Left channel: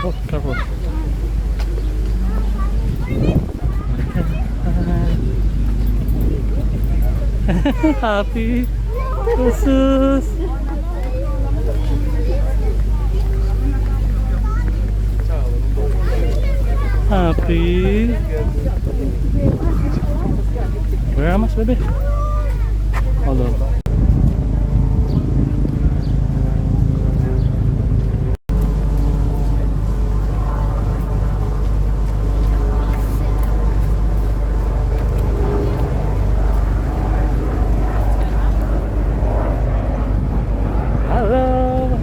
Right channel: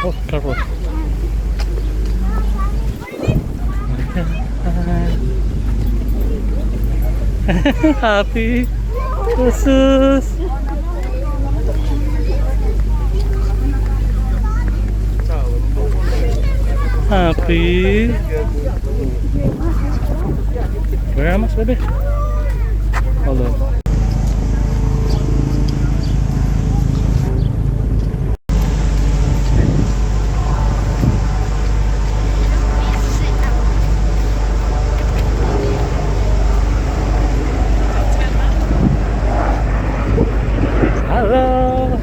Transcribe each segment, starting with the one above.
Oh, careful. Happy. Jesus. Happy. Where am I, baby? Hold on. Hello.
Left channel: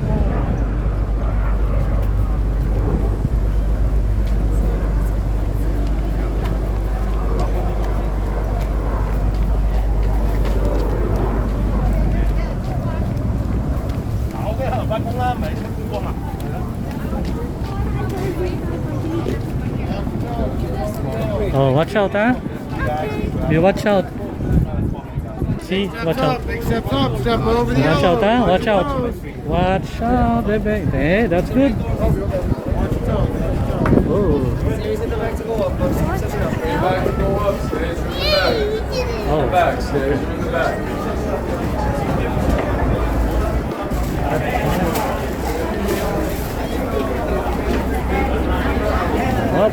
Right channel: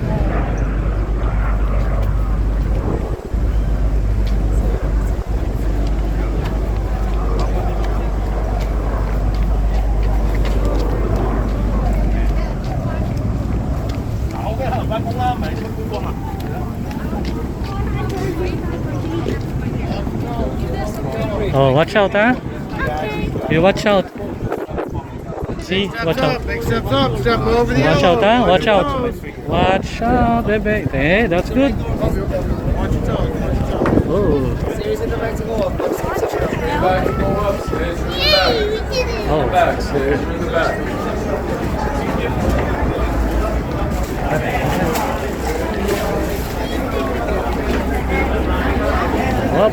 Oh, watch out, huh? You watch out. See, watch out. Step up, step over the Watch out, huh? Watch out. Watch out, baby. Hey, that's good. Oh. Oh. Up.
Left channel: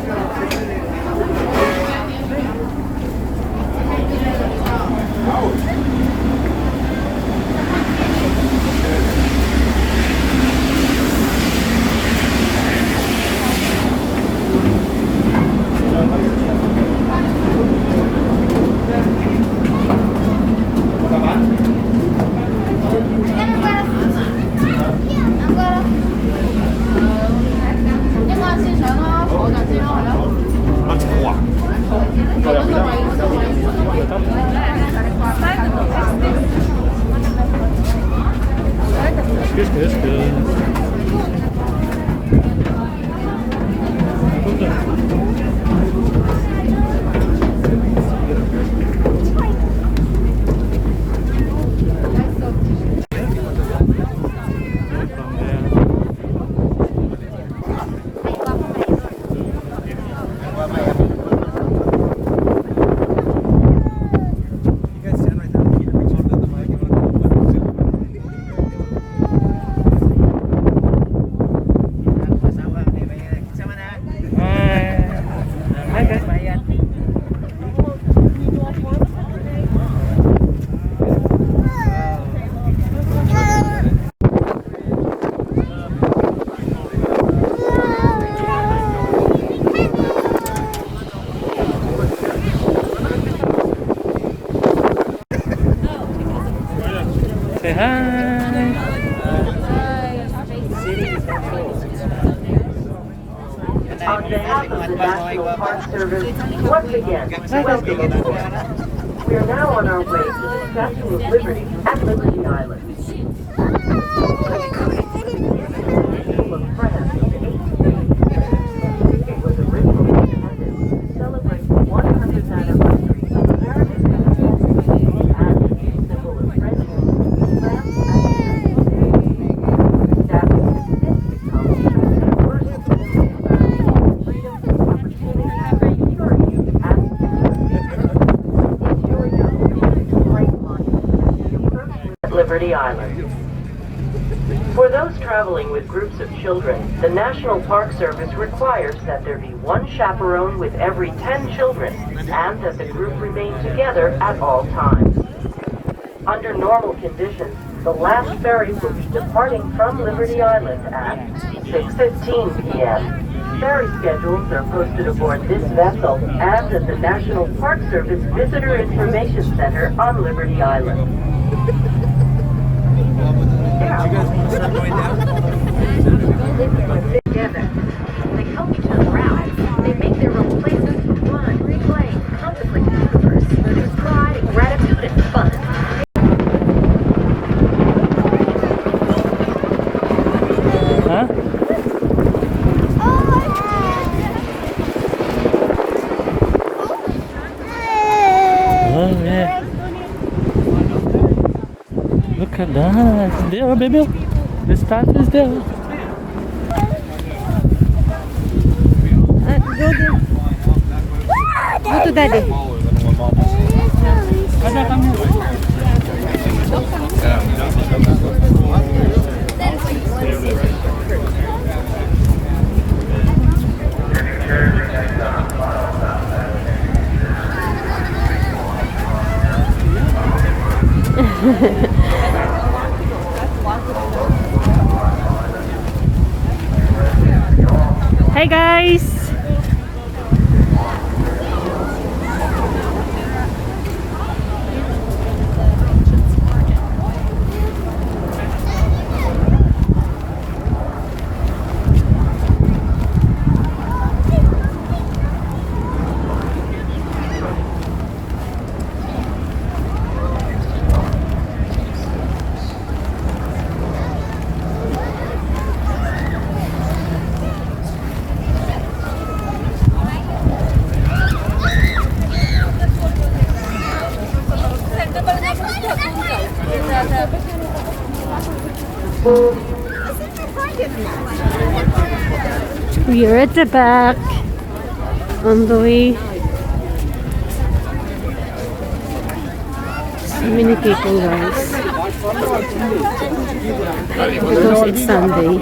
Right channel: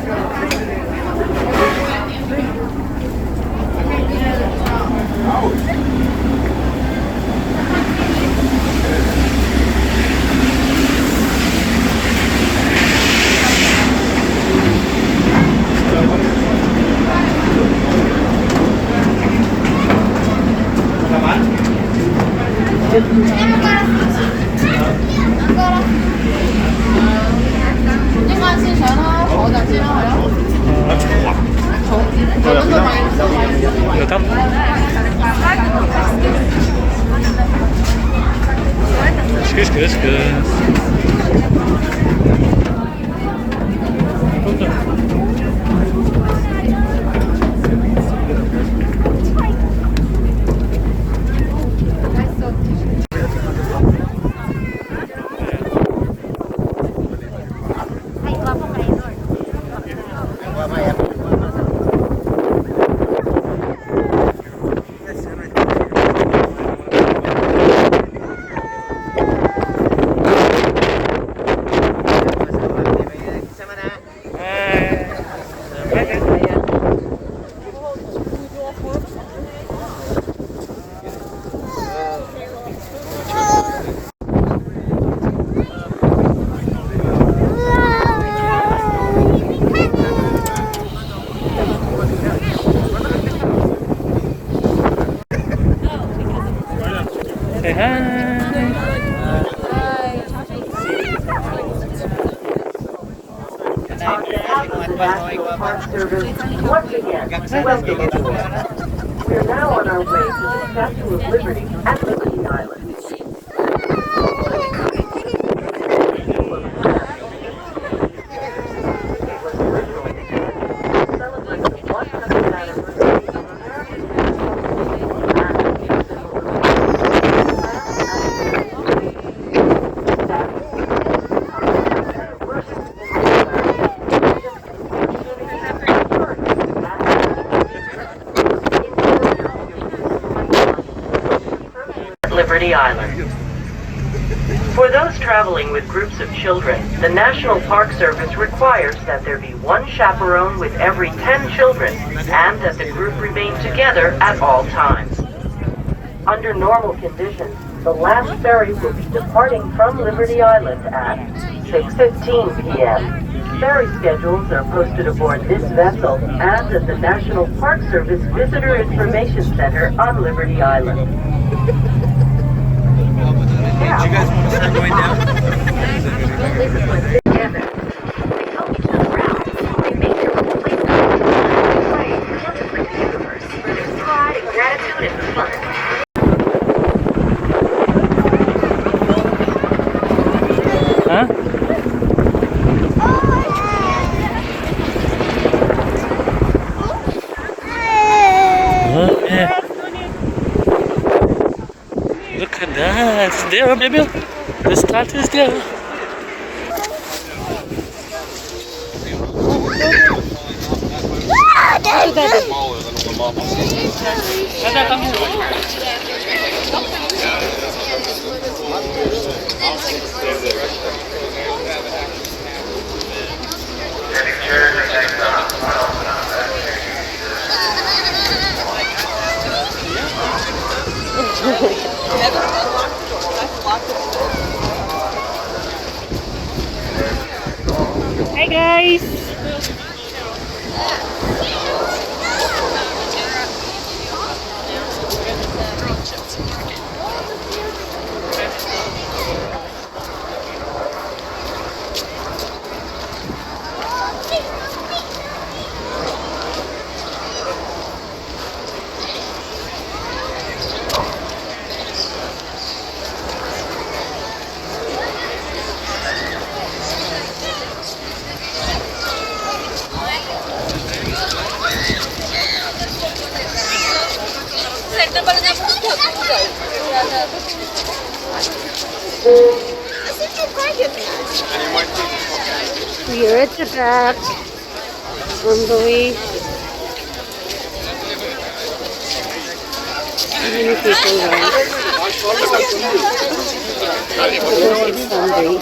Được thấp. Excuse. Say hi. We are now on our way to the Statue of Liberty at Liberty Island. Liberty Island. For those traveling with groups of children, the National Park Service requires that there be one chaperone with every 10 children and that the group remain together at all times. Under normal conditions, the last ferry will be departing from Liberty Island at 6:15 p.m. Ferry schedules are posted aboard this vessel and at the National Park Service Visitor Information Center on Liberty Island. You guys start going down? Together. They help each other out. They make their own places to fun, play, contemplate the universe. There's pride and gratitude and fun. Huh? Oh, yeah. Look at that. It's there, baby. The start is there. Go to daddy. Ada, come here. Hi guys. We are at the back on the way. So many people, guys. Because it's Sunday.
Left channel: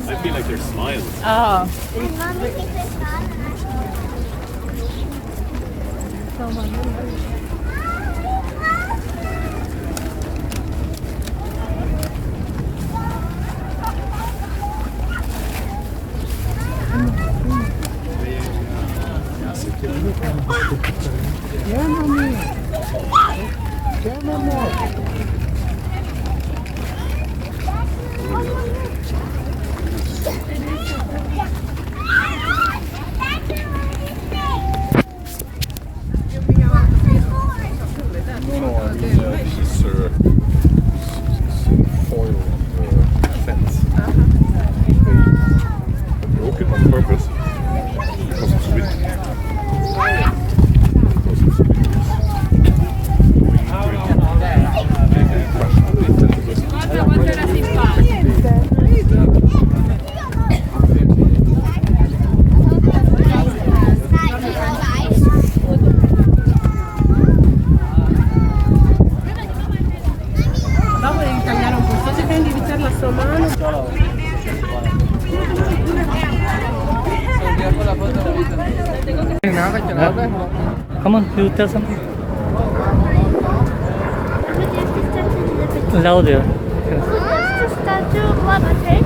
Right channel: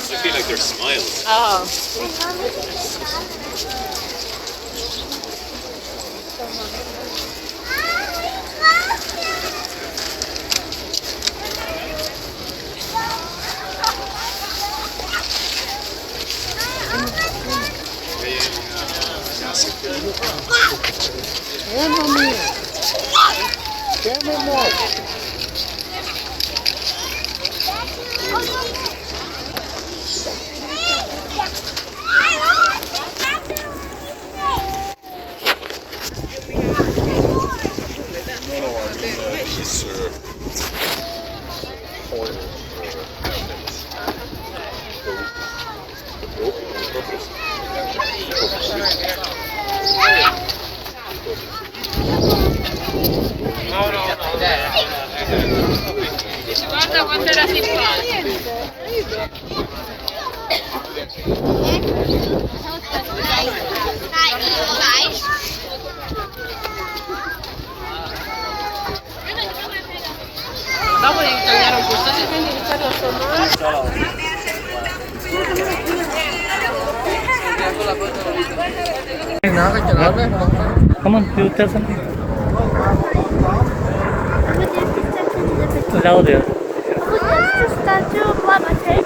I feel like they're smiling. Broken on purpose. Guarda quanto era simpatico. Dopo devi tagliare un po', devi indirizzarlo a sua mano. Come on, you tell something. Louder. Just the statue of Liberty.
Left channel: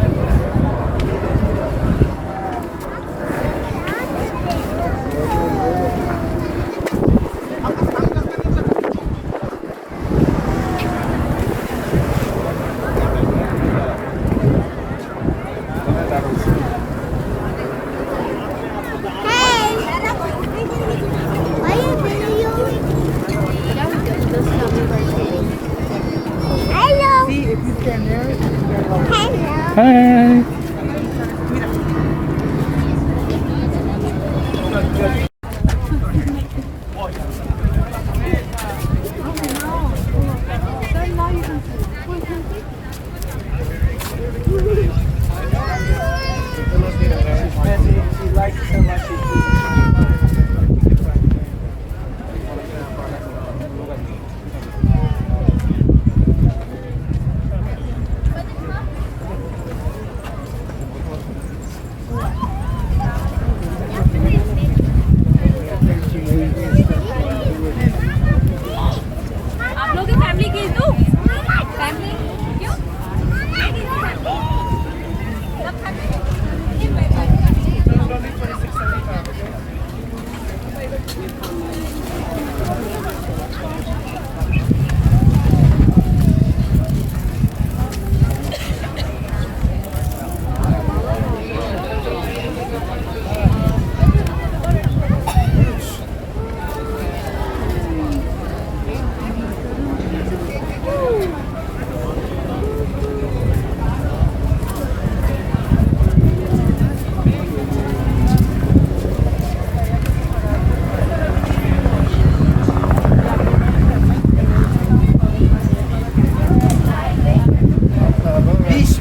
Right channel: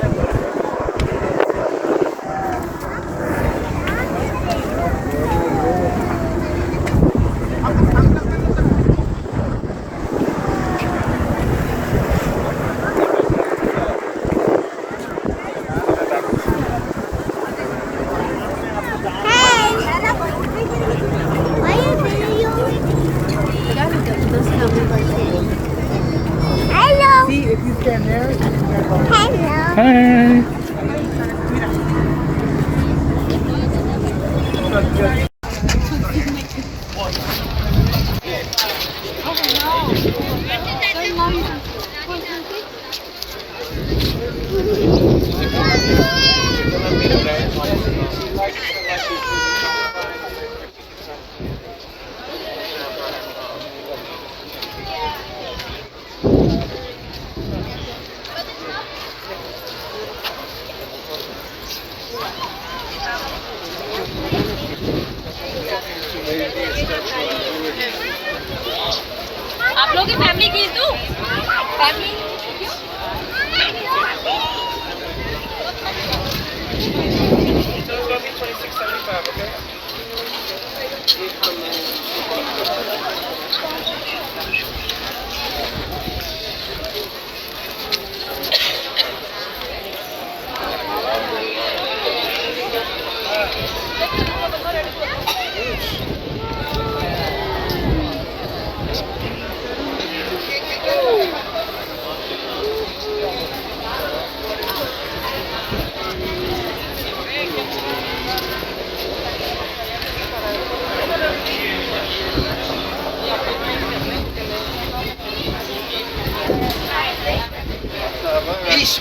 Hi. आप लोग की family की तू family Hiç.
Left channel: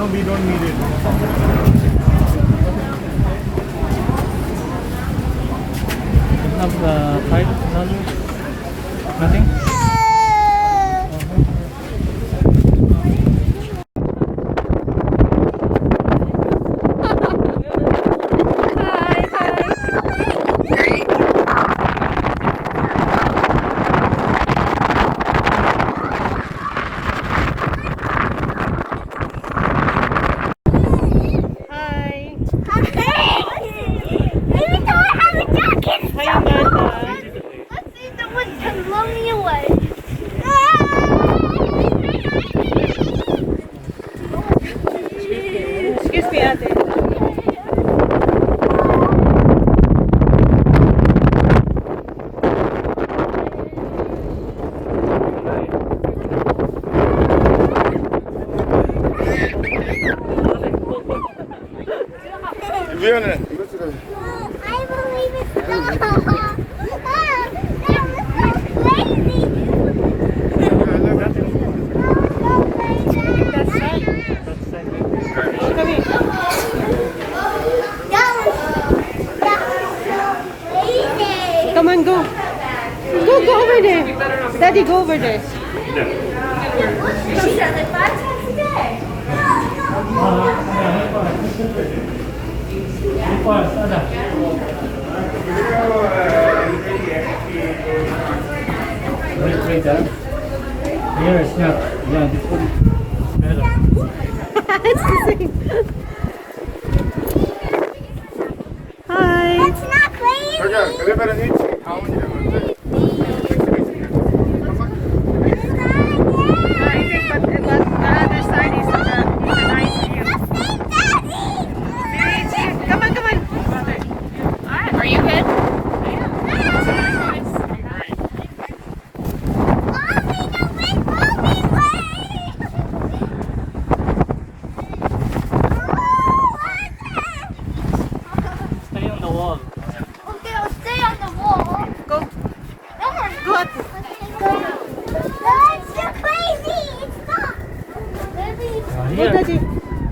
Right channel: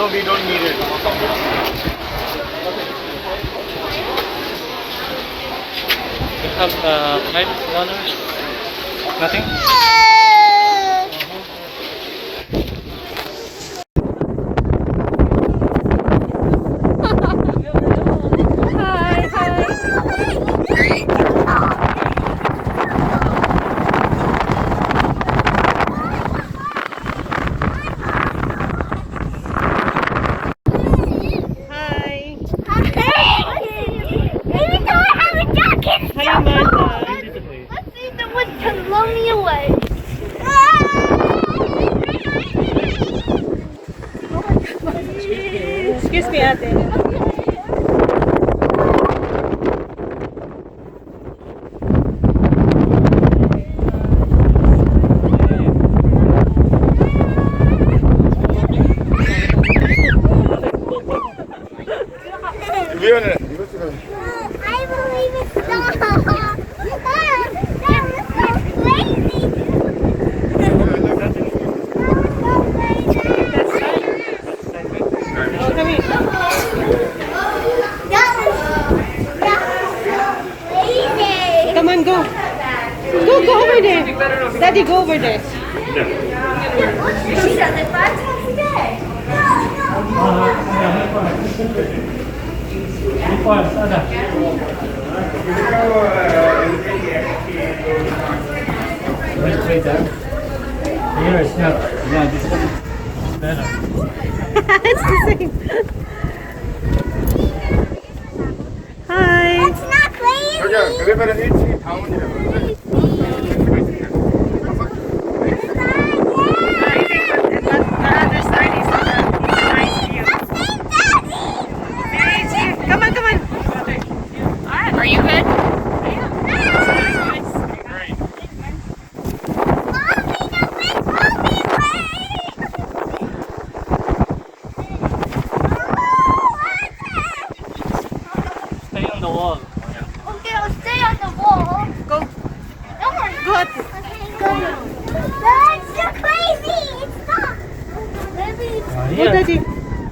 No, we don't need it. You have $5? Nothing? Hi. Even though I have a jacket. Hi, Amanda. Let's see if the woods can blow me away. Excuse me, ate. I believe it's so. That was so crazy. Oh, come here. Come on, go. Go over there. Daddy, go over there. Here it's not. Yeah, this one is better. It's the same. Hi. It's not crazy. Everybody needs to count here. Come on, come on. Are you good? Stay on the wall. Okay, I'll stay on the wall. Go. Go at it. That's too crazy. It's not. Maybe it's Go, Daddy.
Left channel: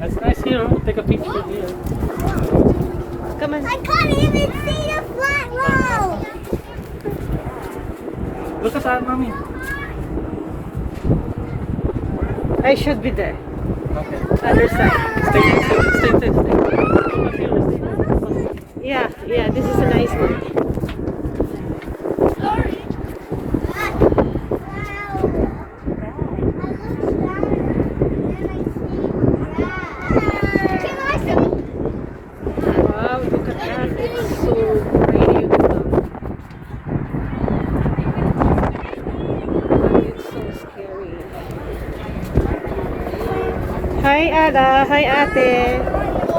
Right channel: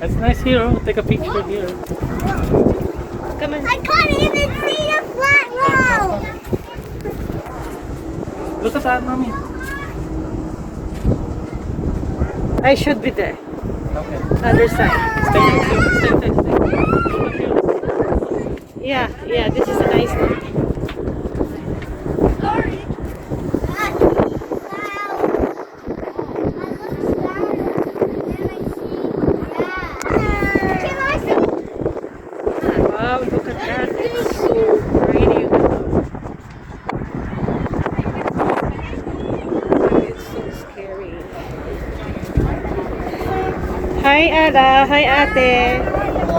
It's nice here. Take a picture here. Come on. I can't even see the flat road. Look at that, mommy. I should be there. Okay. Other side. Stay. Yeah, this is a nice one. Wow, look at that. It's so pretty. It's so scary. Hi, Ada. Hi, Ate.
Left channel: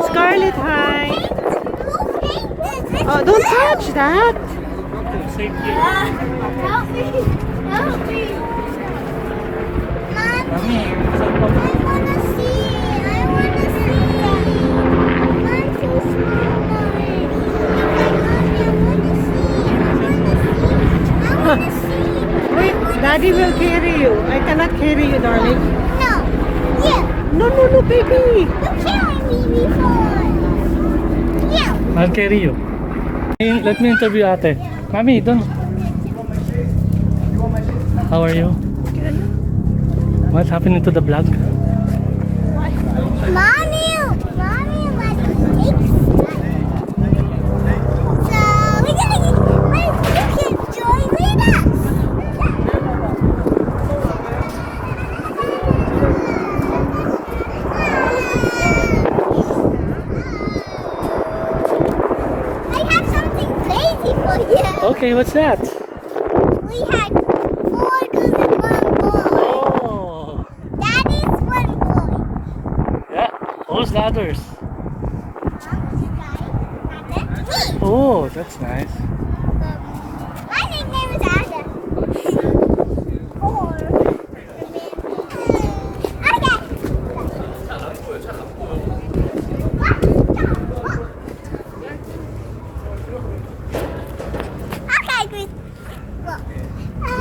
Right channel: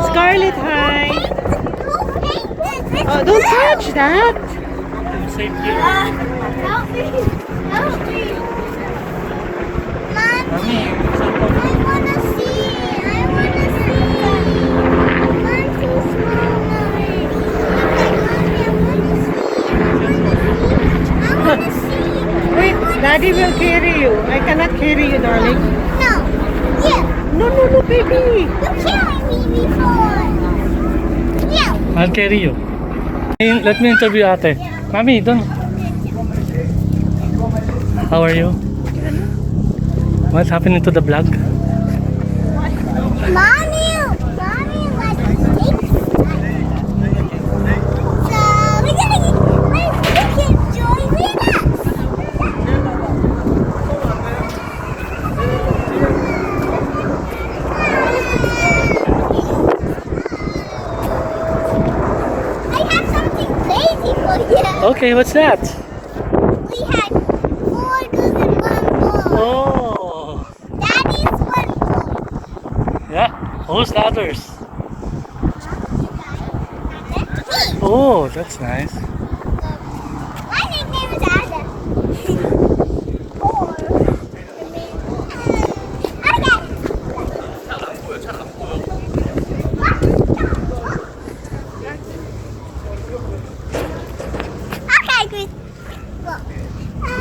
Scarlett, hi. Oh, don't touch that. Same here. Help me. Help me. Mom, Mommy, it's I up on want to see. I want to see. Wait, Daddy will carry you. I cannot carry you, darling. No. Yeah. No, baby. You carried me before. Yeah. I'll carry you. Let me interview Ate. Mommy, don't. How are you? What's happening to the vlog? Mommy like cakes. So we're gonna get you can join with us. I have something crazy for you. Okay, what's that? We had 4 girls and 1 boy. Oh, Daddy's 1 boy. yeah. Who's the others? Me. Oh, that's nice. My nickname is Ada. Or okay, good. Well,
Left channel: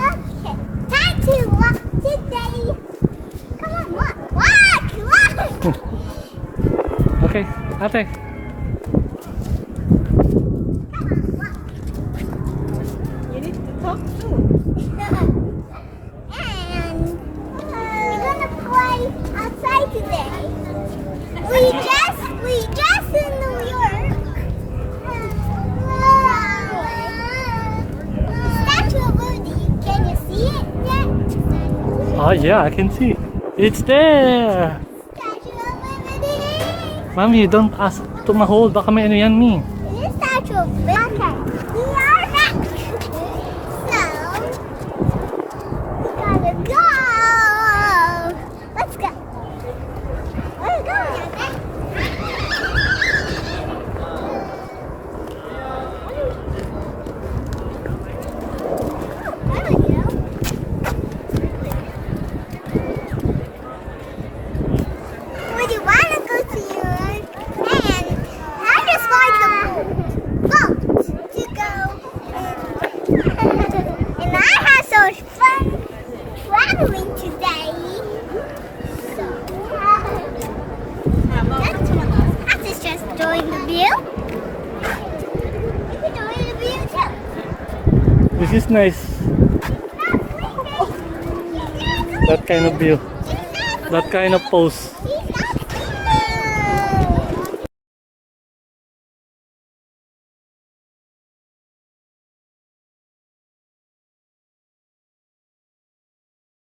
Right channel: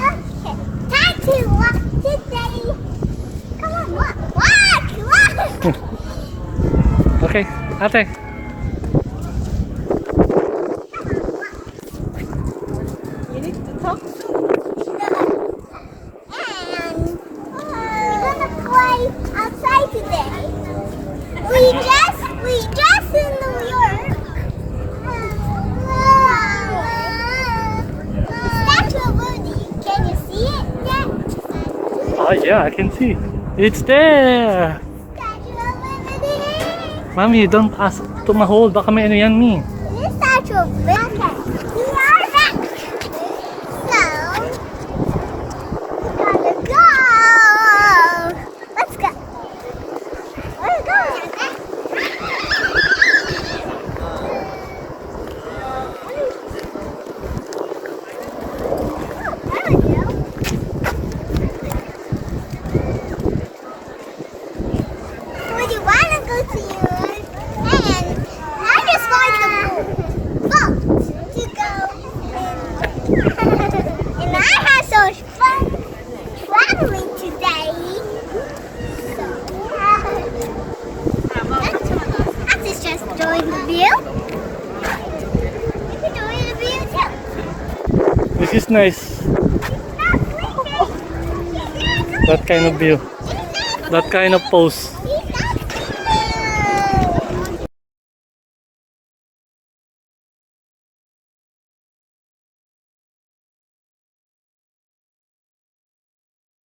okay. Time to walk today. Come on, walk. Okay, ate. You need to talk too. And we're gonna play outside today. We just in New York. Statue of Liberty. Can you see it yet? Oh yeah, I can see. It's there. Statue of Liberty. Mommy, don't ask to ma-hold. Baka may ano yan, Mi. This statue of Liberty. Okay, we are back. So we gotta go. Let's go. Where are we going? Where do you want to go to? And I just want the boat to go. And I had so much fun traveling today. So that's just enjoying the view. You can enjoy the view too. This is nice. That kind of view. That kind of pose.